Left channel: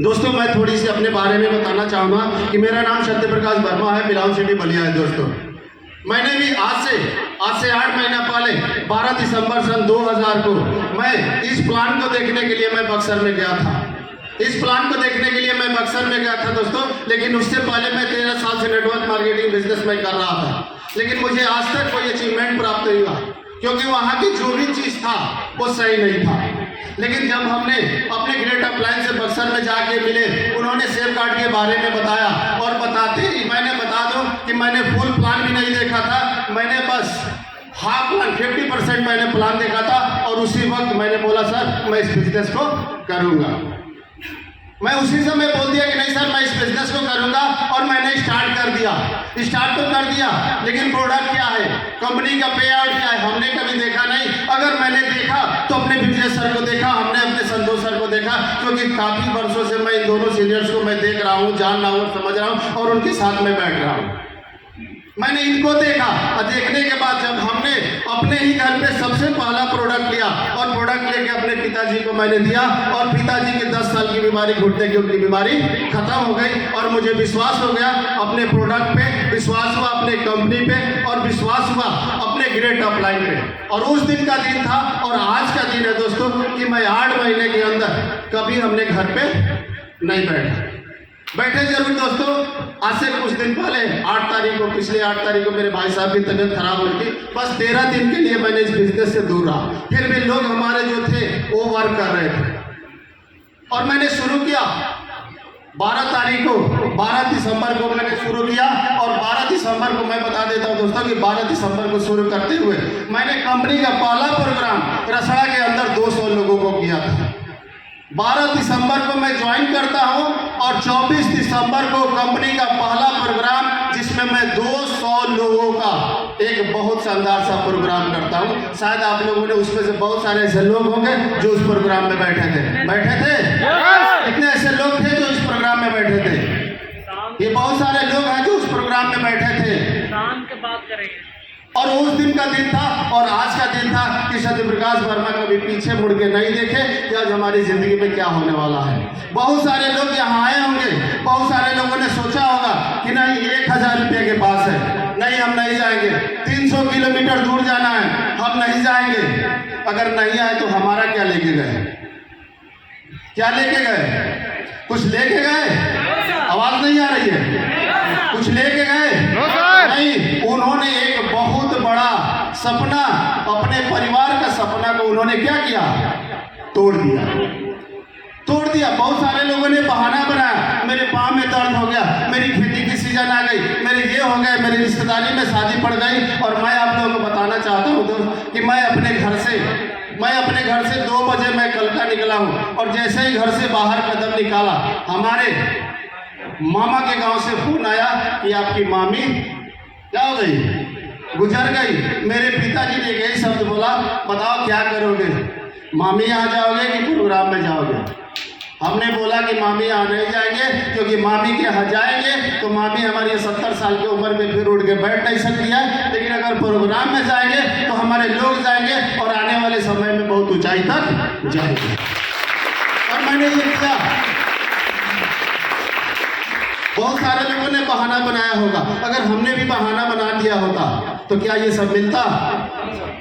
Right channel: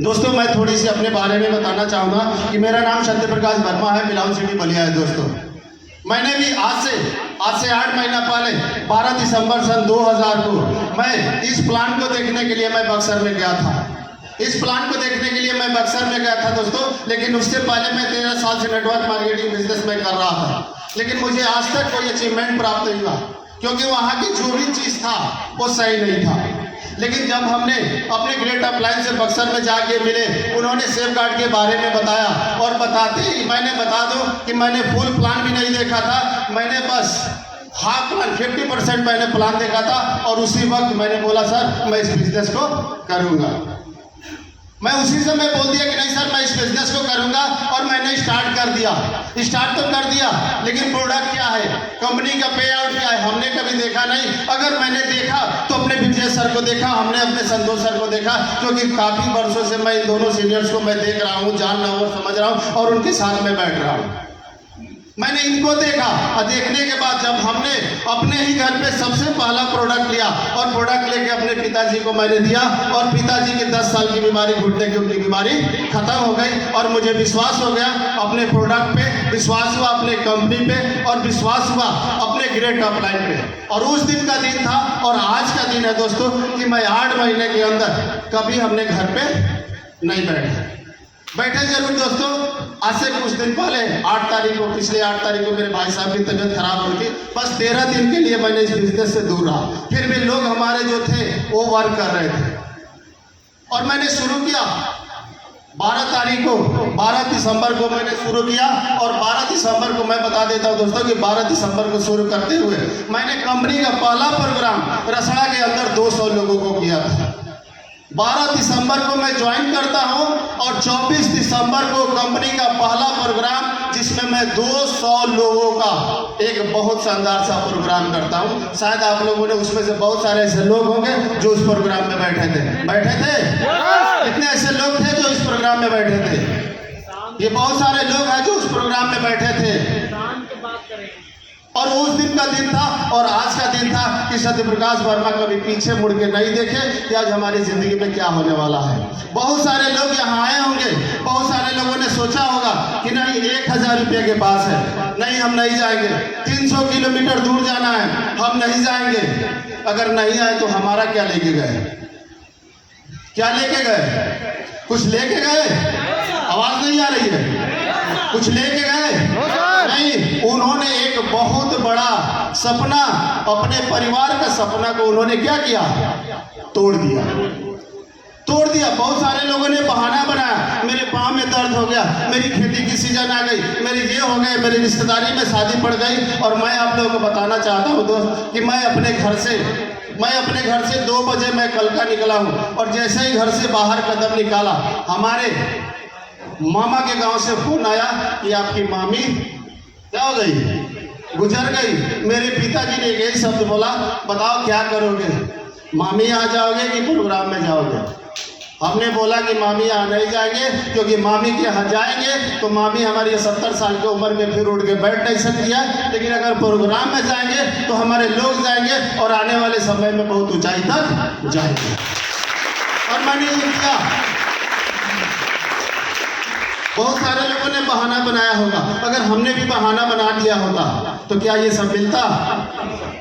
दोस्तों मैं थोड़ी सी अपने बारे में बताना चाहूँगा कि मेरा नाम सत्य प्रकाश वर्मा है, बिलाउन सिटी बलिया है। दोस्तों मैंने भी आज से 8 महीना पहले 12 दिसंबर सन 2000 को मैं इस प्लान को देखने के लिए मैं बक्सर में गया था। इस प्लान को देखने के लिए मैं बक्सर में गया था दोस्तों, लेकिन उससे पहले मैं 13 साल से नेटवर्क मार्केटिंग बिजनेस में कर रहा था, लेकिन मुझे आज तक कोई अचीवमेंट प्राप्त नहीं हुआ क्योंकि वहाँ की जो भी चीज़ था वो सही नहीं था। लेकिन जब हमने अपने ग्रेट अपलायंस से बक्सर में जाके मिले, उन्होंने सेफ गार्ड के बारे में बताया और बताते ही मैंने बता दूं कि मैंने फुल प्लान भी नहीं देखा था, मैंने बस हाफ प्लान 50% मैंने प्लान देखा था और उसी वक्त मैंने बोला सर मैं इस बिजनेस को करूँगा। मैं उसी समय बोल दिया कि नहीं सर मैं इस बिजनेस को करूंगा और मैंने स्टार्ट कर दिया। स्टार्ट तो कर दिया, लेकिन प्रोडक्ट क्या है, कंपनी का पे आउट क्या है, हमने कभी देखा नहीं। अगर मैंने देखा तो अपने विजय सर को देखा, हमने अपने संतोष सर को देखा, क्योंकि काफ़ी वर्षों से मैं इन दोनों सीनियर्स को मैं देख रहा हूँ, जान रहा हूँ, समझ रहा हूँ और उनके साथ में बैठ रहा हूँ। मैंने इनको देखा और देखने के बाद जब हमने अपने ही घर पे सबसे पहला प्रोडक्ट लिया और प्रोडक्ट लेके अपने पिताजी को मैंने दिया और पिताजी की 10 साल की बीमारी, घुटने की उनकी बीमारी खत्म हो गई और मुझे विश्वास हो गया अपने प्रोडक्ट पे, विश्वास हुआ अपने कंपनी पे और विश्वास हुआ अपने ग्रेट अपलाइन पे। और उस दिन का दिन था और आज का दिन है दोस्तों कि मैं 8 महीने के अंदर कभी हमने घर पे नहीं बैठे जरूर दोस्तों। आज से कुछ दिन पहले 8 तारीख को, पिछले 8 तारीख को मेरे भाई साहब की तबीयत खराब हुई थी। बस 13 दिन के लिए मैंने इस बिजनेस से दूर रहा, फिर भी लोग हमारे जो थे वो वर्क कर रहे थे और मैंने शुरू किया 12 तारीख को, 12 दिसंबर को मैंने शुरू किया और 12 दिसंबर को मैं बता देता हूँ दोस्तों कि 12 दिसंबर को शुरू करते हुए मैंने कंपनी का पहला प्रोग्राम रसड़ा के अंदर 200 लोगों को किया था। 12 दिसंबर को मैं ज्वाइन करता हूं और 24 दिसंबर को कंपनी का पहला प्रोग्राम जिसमें मैं 200 लोगों का एक बहुत शानदार सा प्रोग्राम करता हूं। शायद आप लोगों ने उसमें से बहुत सारे ऐसे लोग होंगे जो उस प्रोग्राम में बैठे थे। कितने ऐसे लोग थे जो इस प्रोग्राम में बैठे थे? ये बहुत सारे लोग हैं जो उस प्रोग्राम में बैठे थे। बात करेंगे और उस दिन का दिन था और आज का दिन था कि सत्य प्रकाश वर्मा कभी पीछे मुड़ के नहीं देखे कि आज हमारी जिंदगी में क्या होने वाला है। बहुत सारे लोग यहाँ आए होंगे, बहुत सारे लोगों ने सोचा होगा कि नहीं 1000 रुपये के पास है, नहीं हम नहीं जाएंगे, 300 किलोमीटर दूर जाना है, हम नहीं जाएंगे। अगर नहीं आए तो हमारा क्या लेके गए? क्या लेके गए? कुछ लेके गए? आवाज नहीं आ रही है। कुछ लेके गए? नहीं, उन्होंने एक बहुत बड़ा सपना, अपने परिवार का सपना को उन्होंने क्या किया? तोड़ दिया। बहुत सारे लोगों ने बहाना बनाया, मेरे पाँव में दर्द हो गया, मेरी खेती की सीजन आ गई, मेरे ये हो गए, मेरी रिश्तेदारी में शादी पड़ गई। और मैं आप लोगों को बताना चाहता हूँ दोस्त कि मैं अपने घर से 2 बजे मैं कल का निकला हूँ और जैसे ही घर से बाहर कदम निकाला हमारे मामा के गांव से फोन आया कि आपकी मामी क्या हो गई, गुजर गई। मेरे पिताजी ने यही शब्द बोला, बताओ क्या करोगे, मामी यहाँ जाओगे कि प्रोग्राम में जाओगे? हमने बोला कि मामी यहाँ नहीं जाएंगे, क्योंकि मामी के यहाँ जाएंगे तो मामी हमारी 70 साल की उम्र में फिर उठ के बैठ नहीं सकती है, लेकिन अगर प्रोग्राम में जाएंगे तो हमारे लोग जाएंगे और आने वाले समय में बहुत ऊंचाई तक जाएंगे। और मैंने ये किया। बहुत सारे लोगों ने बहाना बनाया होगा, अगर हमने भी बहाना बना दिया होता तो क्या ये सब मिलता?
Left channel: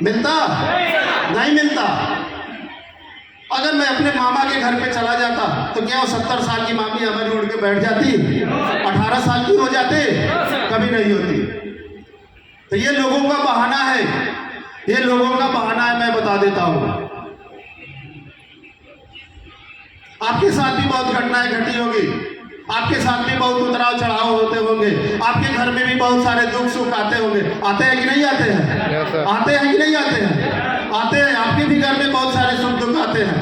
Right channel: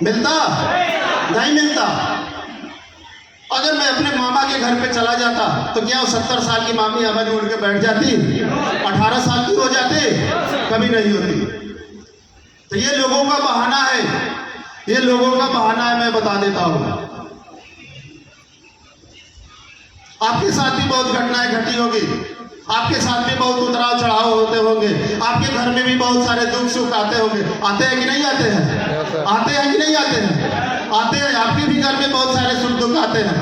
नहीं मिलता। अगर मैं अपने मामा के घर पे चला जाता तो क्या वो 70 साल की मामी हमारी उड़ के बैठ जाती? 18 साल की हो जाती? कभी नहीं होती। तो ये लोगों का बहाना है, मैं बता देता हूँ। आपके साथ भी बहुत घटनाएं घटी होगी, आपके साथ भी बहुत उतराव चढ़ाव होते होंगे, आपके घर में भी बहुत सारे दुख सुख आते होंगे। आते हैं कि नहीं आते हैं? आते हैं कि नहीं आते हैं? आते हैं। आपके भी घर में बहुत सारे सुख दुख आते हैं,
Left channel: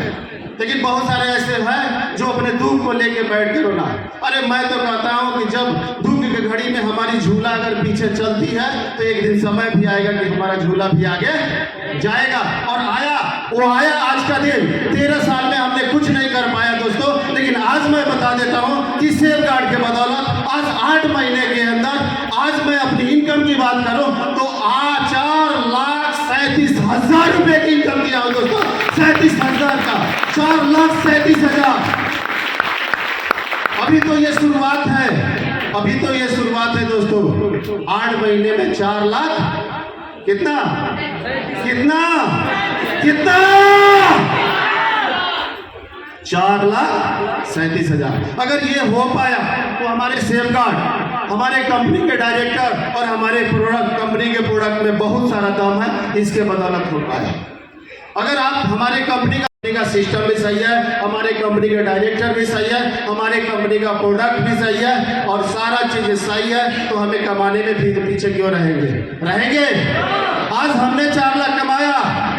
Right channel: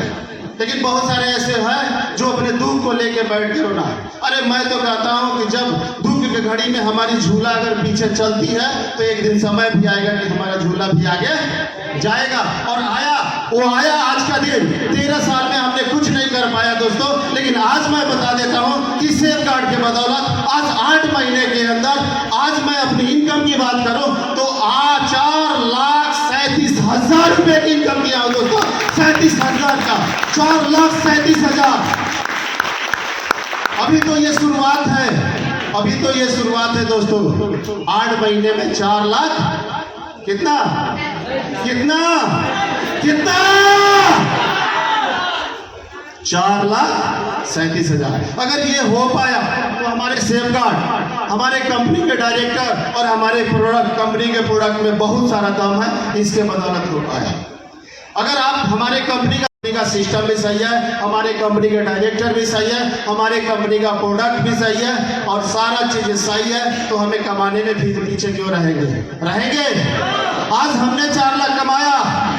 लेकिन बहुत सारे ऐसे हैं जो अपने दुख को लेके बैठ के रोना। अरे मैं तो कहता हूँ कि जब दुख की घड़ी में हमारी झूला अगर पीछे चलती है तो एक दिन समय भी आएगा कि हमारा झूला भी आगे जाएगा। और आया आज का दिन। 13 साल में हमने कुछ नहीं कर पाया दोस्तों, लेकिन आज मैं बता देता हूँ कि सेफ गार्ड के बदौलत आज 8 महीने के अंदर आज मैं अपनी इनकम की बात करूँ तो 4,37,000 रुपये की इनकम किया हूँ दोस्तों। 37,000 का 4,37,000। अभी तो ये शुरुआत है, अभी तो ये शुरुआत है दोस्तों। 8 महीने में 4 लाख, कितना कितना कितना 4,37,000। अगर ये हो पाया तो हमारे सेफगार्ड, हमारे कंपनी के डायरेक्टर और हमारे प्रोडक्ट, कंपनी के प्रोडक्ट में बहुत सारा दम है, इसके बदौलत हो पाया। अगर आप हमारे कंपनी का सिस्टम भी सही है, हमारे कंपनी के डायरेक्टर भी सही है, हमारे कंपनी का प्रोडक्ट भी सही है और सारा चीज सही है, तो हमें कमाने में पीछे क्यों रहेंगे। आज हमने 4 लाख कमाया,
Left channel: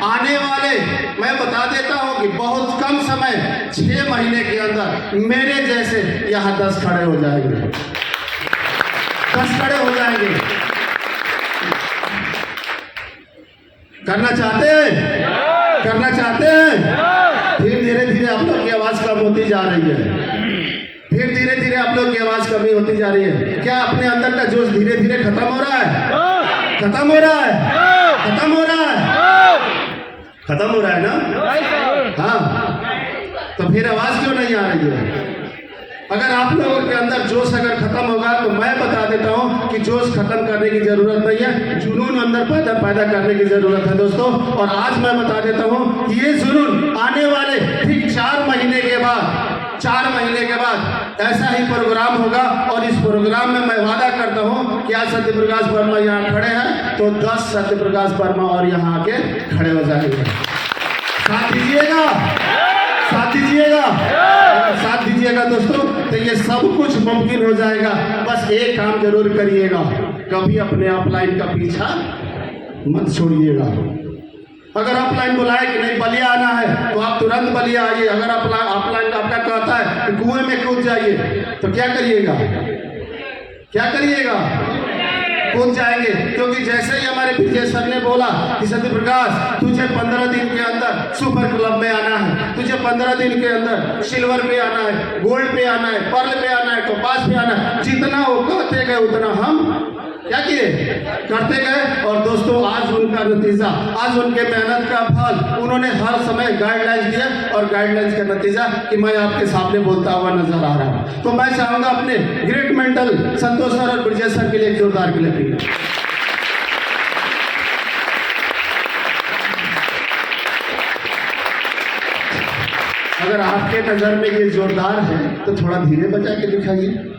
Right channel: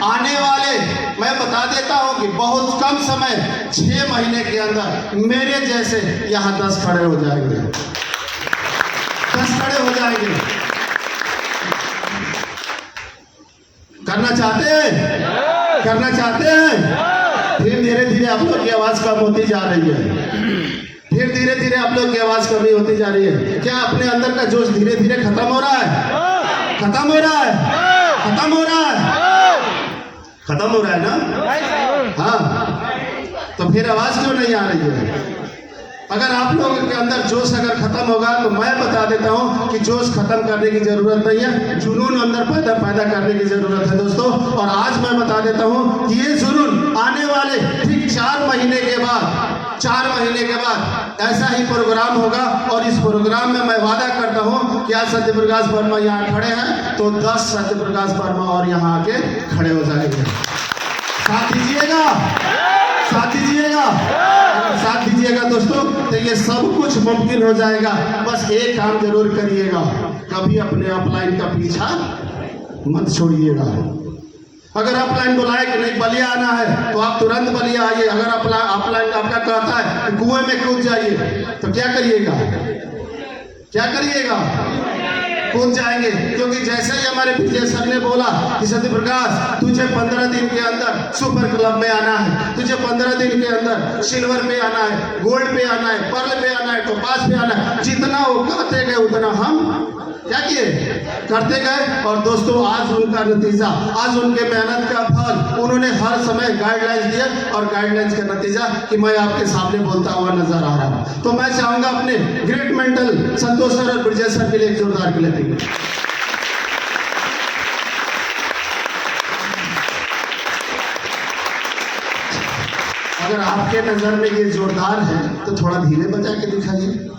आने वाले मैं बता देता हूं कि बहुत कम समय 6 महीने के अंदर मेरे जैसे यहाँ 10 खड़े हो जाएंगे, 10 खड़े हो जाएंगे। करना चाहते हैं। फिर धीरे धीरे आप लोग की आवाज कम होती जा रही है, फिर धीरे धीरे आप लोग की आवाज कमी होती जा रही है। क्या अपने अंदर का जोश धीरे धीरे खत्म हो रहा है? खत्म हो रहा है ना? हाँ, तो फिर आवाज क्यों नहीं आ रही है? अगर आप लोगों के अंदर जोश अगर खत्म होगा तो मैं बता देता हूं कि जोश खत्म करने की जरूरत नहीं है, जुनून अंदर पैदा करने की जरूरत है दोस्तों। और आज मैं बता देता हूं कि ये जुनून आने वाले ठीक 4 महीने के बाद ऐसा ही प्रोग्राम होगा। और इस प्रोग्राम में मैं वादा करता हूं कि आज सत्य प्रकाश वर्मा यहाँ खड़े हैं तो 10 सत्य प्रकाश वर्मा और यहाँ आके खड़े हो जाएंगे। साथ दीजिएगा दोस्तों, तो ये सब कुछ मुमकिन हो जाएगा। बस एक काम जरूर करिएगा, कभी अपने अपलाइन का पीछा मत छोड़िएगा। अगर अपलाइन बुलाए कि नहीं बलिया आना है तो आप तुरंत बलिया आइए। अगर अपलाइन आपका कहता है कि कुएं में कूद जाइए तो क्या करिएगा? कूद जाएंगे, क्योंकि जैसे ही हमारे विजय सर ने बोला कि सत्य प्रकाश तुझे 15 दिन के अंदर सुपर क्लब में आना है, तुझे 15 दिन के अंदर सिल्वर पे आना है, गोल्ड पे आना है, पर्ल पे आना है, टोपाज पे आना है, जितना वो कहते गए उतना हम क्या किए, करते गए। और दोस्तों आज उनका नतीजा, आज उनके मेहनत का फल, उन्होंने हर समय गाइडलाइंस दिए और गाइडलाइंस का नतीजा कि मैं आपके सामने बोलता हुआ नजर आ रहा हूं। तो मैं चाहूंगा अपने ग्रेट मेंटल संतोष सर और विजय सर के लिए एक जोरदार क्लैपिंग। अगर आपके नजर में ये जोरदार है तो थोड़ा धीरे बजा के दिखाइए।